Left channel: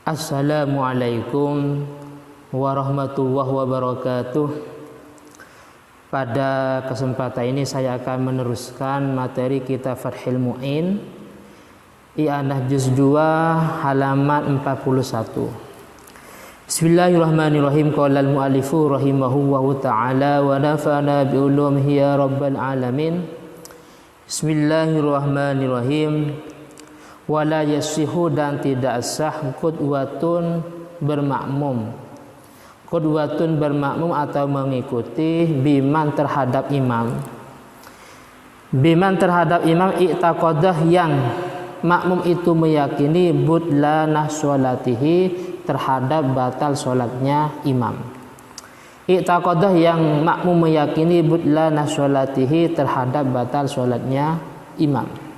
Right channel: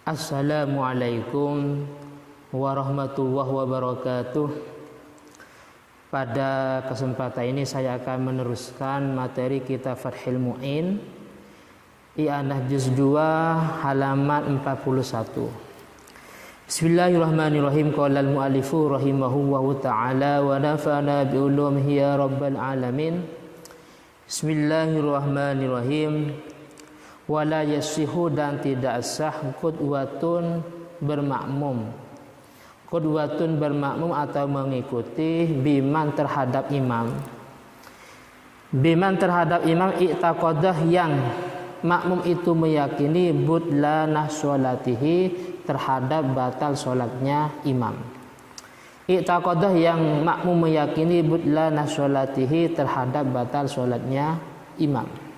Assalamualaikum warahmatullahi wabarakatuh. Pada kesempatan ini saya akan meneruskan materi kitab Fathul Mu'in I'anah juz 2 halaman 41. Bismillahirrahmanirrahim. Qala al-mu'allifu rahimahullahu ta'ala wa nafa'ana bi ulumihi ya rabbal alamin. Bismillahirrahmanirrahim. Wala yasihu, dan tidak sah qudwatun bermakmum. Qudwatun bermakmum atau mengikuti biman terhadap imam. Biman terhadap imam i'taqadah, yang makmum itu meyakini budlanah sholatihi, terhadap batal sholatnya imam. I'taqadah, yang makmum meyakini budlanah sholatihi, terhadap batal sholatnya imam.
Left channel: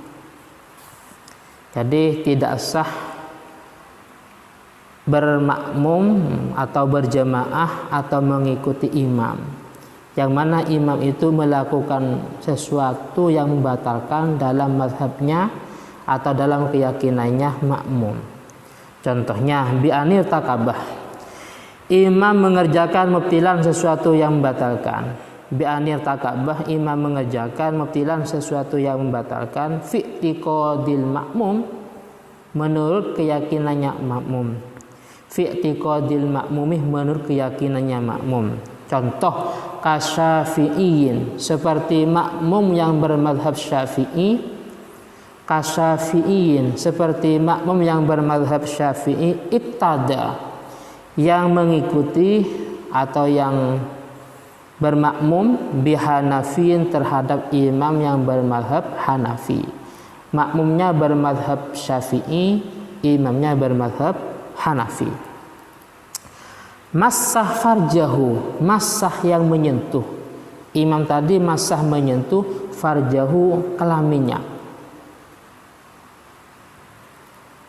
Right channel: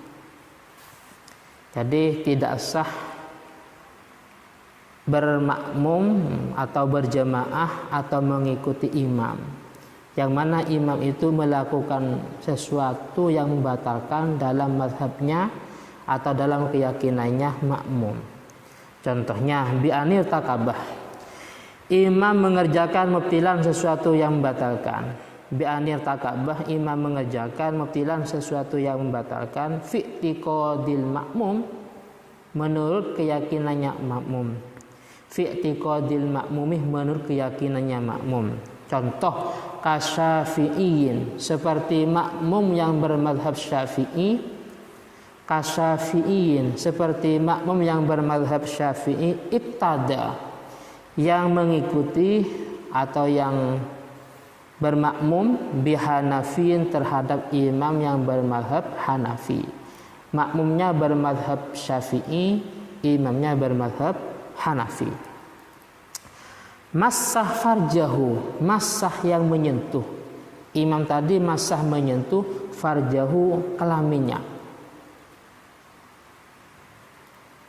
Jadi tidak sah bermakmum atau berjamaah atau mengikuti imam, yang mana imam itu melakukan sesuatu yang membatalkan dalam mazhabnya atau dalam keyakinannya makmum. Contohnya bi'anir takabah, imam mengerjakan mubtilan sesuatu yang membatalkan. Bi'anir takabah, imam mengerjakan mubtilan sesuatu yang membatalkan fi'tiqadil makmum, menurut keyakinannya makmum. Fi'tiqadil makmumih, menurut keyakinannya makmum. Contoh kasyafi'iyin, seperti makmum yang bermadhab syafi'i. Kasyafi'iyin, seperti makmum yang bermadhab syafi'i. Ibtada, yang mengikuti atau yang bermakmum bihanafin, terhadap imam yang bermadhab Hanafi. Makmumnya bermadhab Syafi'i, imamnya bermadhab Hanafi. Massah farjahu, massah yang menyentuh. Imam tadi massah menyentuh farjahu, kelaminnya.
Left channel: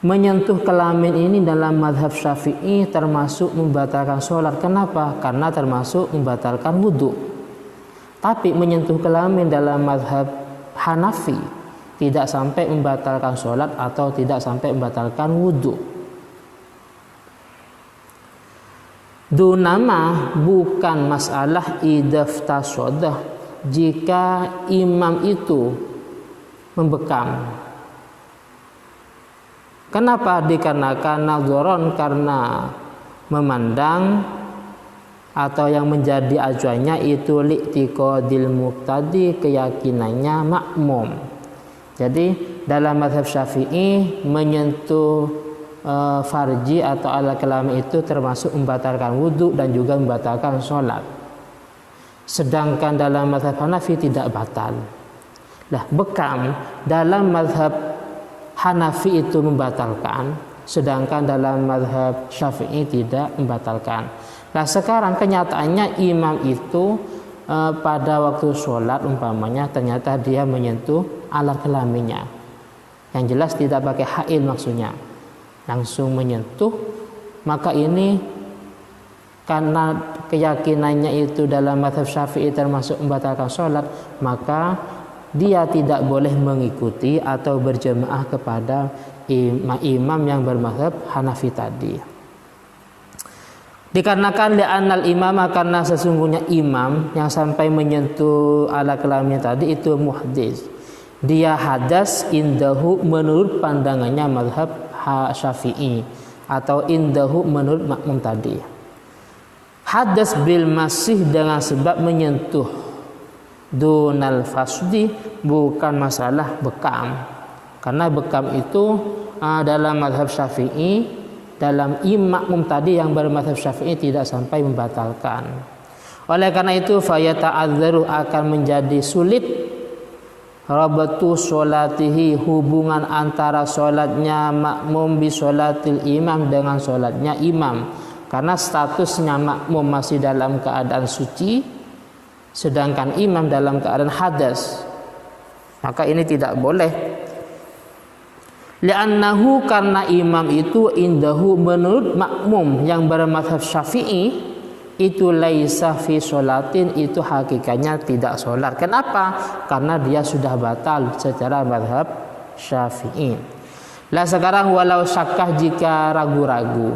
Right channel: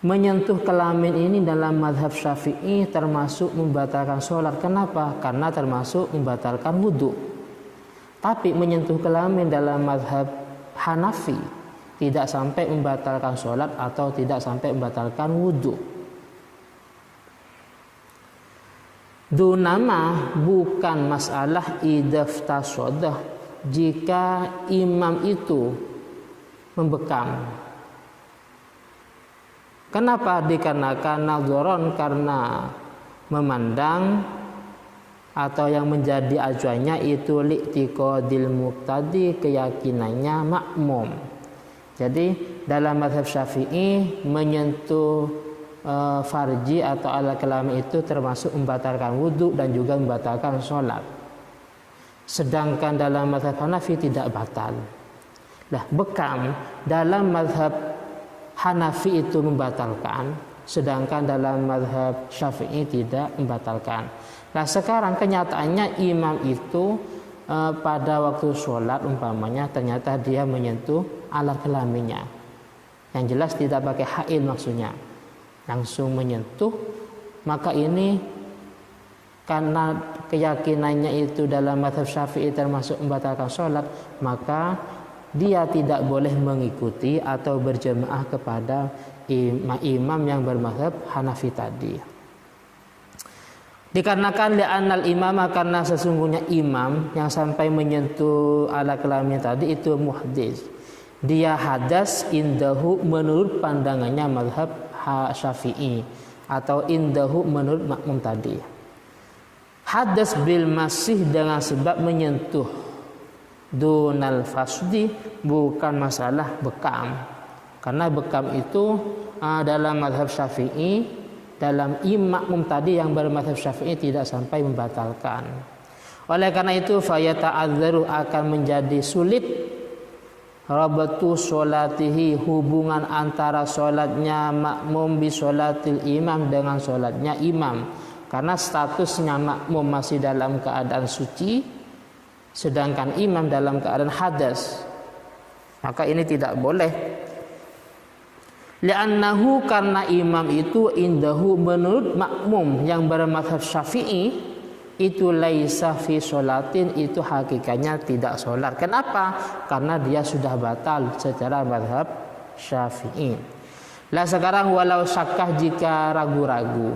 Menyentuh kelamin ini dalam mazhab Syafi'i termasuk membatalkan sholat. Kenapa? Karena termasuk membatalkan wudhu. Tapi menyentuh kelamin dalam mazhab Hanafi tidak sampai membatalkan sholat atau tidak sampai membatalkan wudhu. Dunama, bukan masalah idaftasodah, jika imam itu membekam. Kenapa? Dikarenakan nadzoron, karena memandang, atau yang menjadi acuannya itu li'tiqadil muqtadi, keyakinannya makmum. Jadi dalam mazhab Syafi'i menyentuh farji atau alat kelamin itu termasuk membatalkan wudhu dan juga membatalkan sholat. Sedangkan dalam mazhab Hanafi tidak batal. Lah, bekam dalam mazhab Hanafi itu membatalkan, sedangkan dalam mazhab Syafi'i tidak membatalkan. Nah, sekarang kenyataannya imam itu pada waktu sholat umpamanya ternyata dia menyentuh alat kelaminnya. Yang jelas tidak pakai hail maksudnya, langsung menyentuh. Maka ini karena keyakinannya itu dalam mazhab Syafi'i termasuk membatalkan sholat, maka dia tidak boleh mengikuti atau berjamaah kepada imam yang bermazhab Hanafi tadi. Dikarenakan li'annal imama, karena sesungguhnya imam yang sampai menyentuh alat kelamin tadi itu muhdis. Dia hadas indahu, menurut pandangannya mazhab Syafi'i, atau indahu menurut makmum tadi. Hadas bil masih, dengan sebab menyentuh. Dunal fasdi, bukan masalah bekam. Karena bekam itu dalam mazhab Syafi'i, dalam makmum tadi yang bermazhab Syafi'i tidak sampai membatalkan. Oleh karena itu fayata'adzaru, akan menjadi sulit rabatu sholatihi, hubungan antara sholatnya makmum bi sholatil imam dengan sholatnya imam. Karena statusnya makmum masih dalam keadaan suci, sedangkan imam dalam keadaan hadas, maka ini tidak boleh. Li'annahu, karena imam itu indahu, menurut makmum yang bermazhab Syafi'i itu laisa fi sholatin, itu hakikatnya tidak sholat. Kenapa? Karena dia sudah batal secara mazhab Syafi'i. Lah sekarang walau syakah jika ragu-ragu.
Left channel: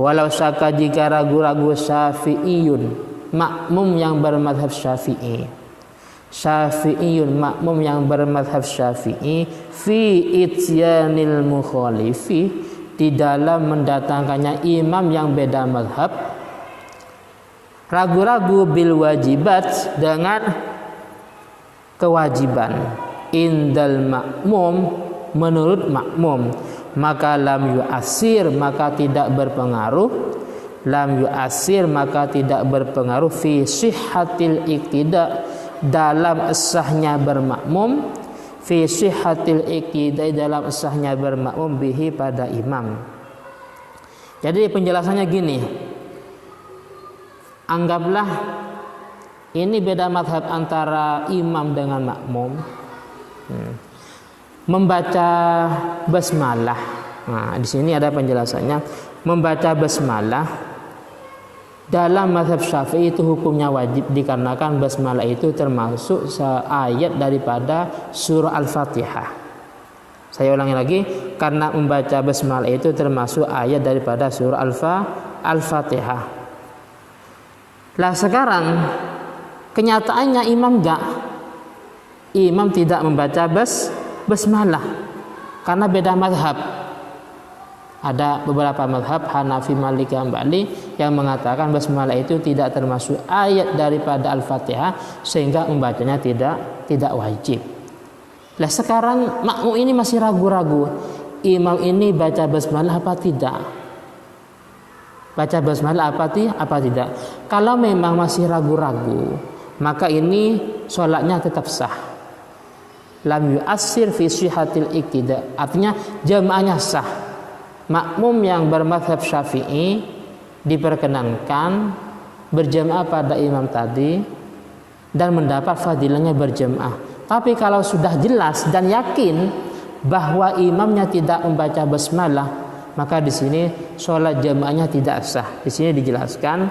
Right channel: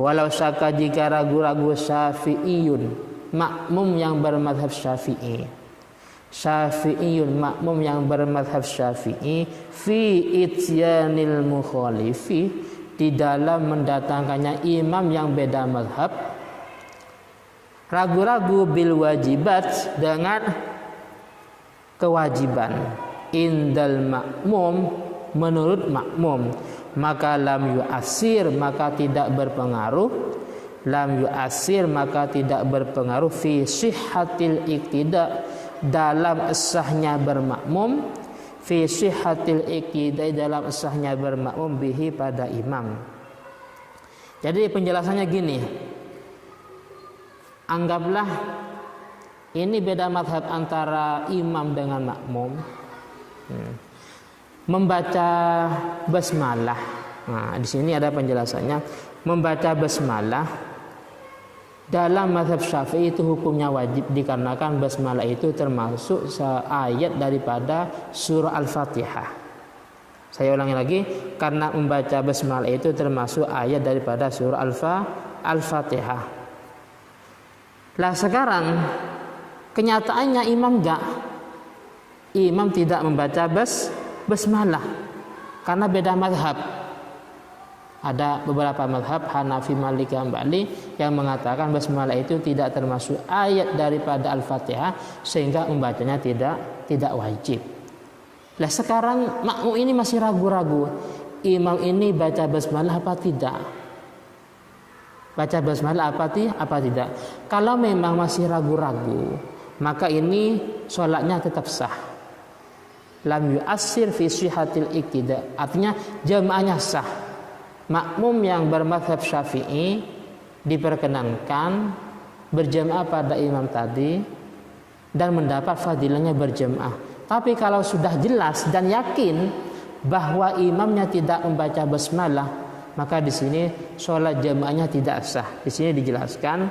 Walau syakah jika ragu-ragu Syafi'iyun, makmum yang bermadhab Syafi'i. Syafi'iyun, makmum yang bermadhab Syafi'i, fi ityanil mukhalifi, di dalam mendatangkannya imam yang beda madhab. Ragu-ragu bil wajibat, dengan kewajiban. Indal makmum, menurut makmum, maka lam yu'asir, maka tidak berpengaruh. Lam yu'asir, maka tidak berpengaruh fi sihhatil iktida, dalam sahnya bermakmum. Fi sihhatil iktida, dalam sahnya bermakmum bihi, pada imam. Jadi penjelasannya gini, anggaplah ini beda madhab antara imam dengan makmum. Membaca basmalah. Nah, di sini ada penjelasannya. Membaca basmalah dalam mazhab Syafi'i itu hukumnya wajib, dikarenakan basmalah itu termasuk ayat daripada surah Al-Fatihah. Saya ulangi lagi, karena membaca basmalah itu termasuk ayat daripada surah Al-Fatihah. Lah sekarang kenyataannya imam enggak. Imam tidak membaca basmalah karena beda mazhab. Ada beberapa mazhab Hanafi, Maliki, Hambali yang mengatakan basmalah itu tidak termasuk ayat daripada Al-Fatihah, sehingga membacanya tidak wajib. Lah sekarang makmum ini masih ragu-ragu, imam ini baca basmalah apa tidak? Baca basmalah apa tidak? Kalau memang masih ragu-ragu, maka ini sholatnya tetap sah. Lam yu'assir fi sihhatil iktida, artinya jamaahnya sah. Makmum yang bermadzhab Syafi'i diperkenankan berjamaah pada imam tadi dan mendapat fadilahnya berjamaah. Tapi kalau sudah jelas dan yakin bahwa imamnya tidak membaca basmalah, maka di sini sholat jamaahnya tidak sah. Di sini dijelaskan,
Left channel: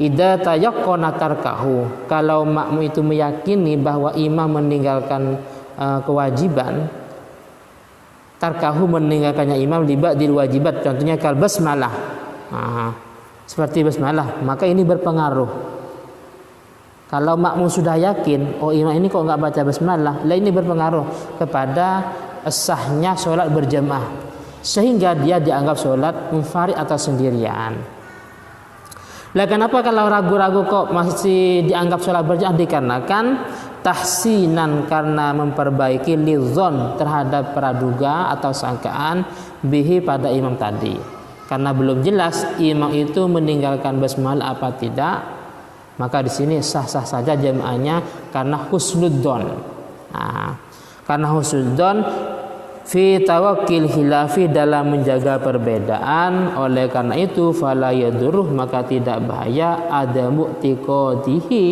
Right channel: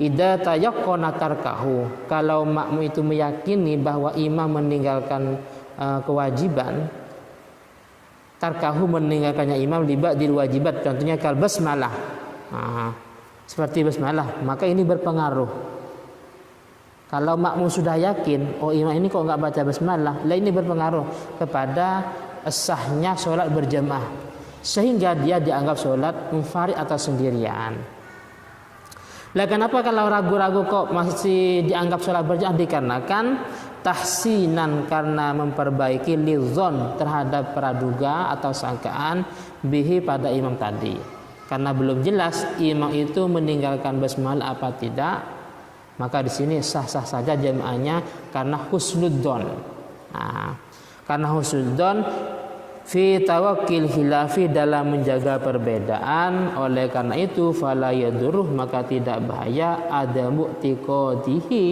idza tayaqqana tarkahu, kalau makmum itu meyakini bahwa imam meninggalkan kewajiban, tarkahu, meninggalkannya imam libadil wajibat, contohnya kal basmalah, seperti basmalah, maka ini berpengaruh. Kalau makmum sudah yakin, oh imam ini kok nggak baca basmalah, lah ini berpengaruh kepada sahnya sholat berjamaah, sehingga dia dianggap sholat munfarid atau sendirian. Lah kenapa kalau ragu-ragu kok masih dianggap sholat berjamaah? Dikarenakan tahsinan, karena memperbaiki lidzon, terhadap praduga atau sangkaan bihi, pada imam tadi. Karena belum jelas imam itu meninggalkan basmalah apa tidak, maka di sini sah-sah saja jamaahnya karena husnudzon. Karena husnudzon fi tawakkil khilafi, dalam menjaga perbedaan. Oleh karena itu fala yaduruh, maka tidak bahaya ada mu'tiqadihi,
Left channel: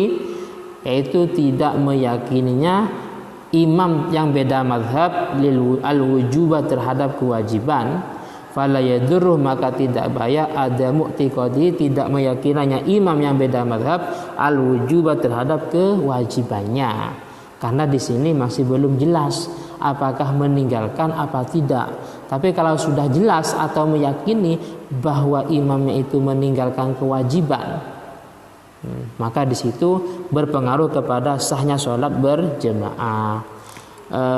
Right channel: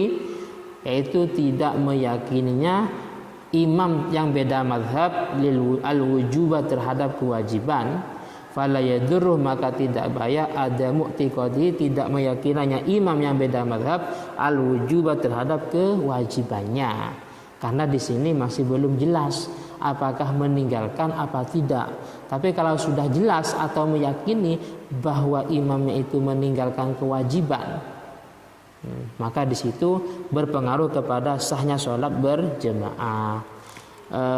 yaitu tidak meyakininya imam yang beda mazhab lil al-wujubah, terhadap kewajiban. Fala yadurruh, maka tidak bahaya ada mu'tiqadi, tidak meyakininya imam yang beda mazhab al-wujubah, terhadap kewajibannya. Karena di sini masih belum jelas apakah meninggalkan apa tidak. Tapi kalau sudah jelas atau meyakini bahwa imamnya itu meninggalkan kewajiban, maka di situ berpengaruh kepada sahnya sholat berjamaah.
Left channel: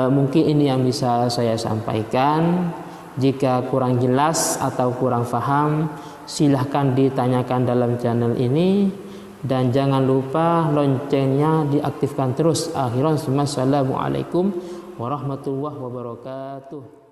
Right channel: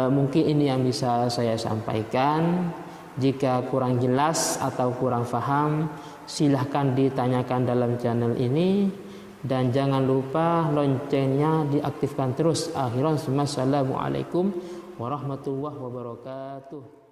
Mungkin ini yang bisa saya sampaikan. Jika kurang jelas atau kurang paham, silahkan ditanyakan dalam channel ini, dan jangan lupa loncengnya diaktifkan terus. Assalamualaikum warahmatullahi wabarakatuh.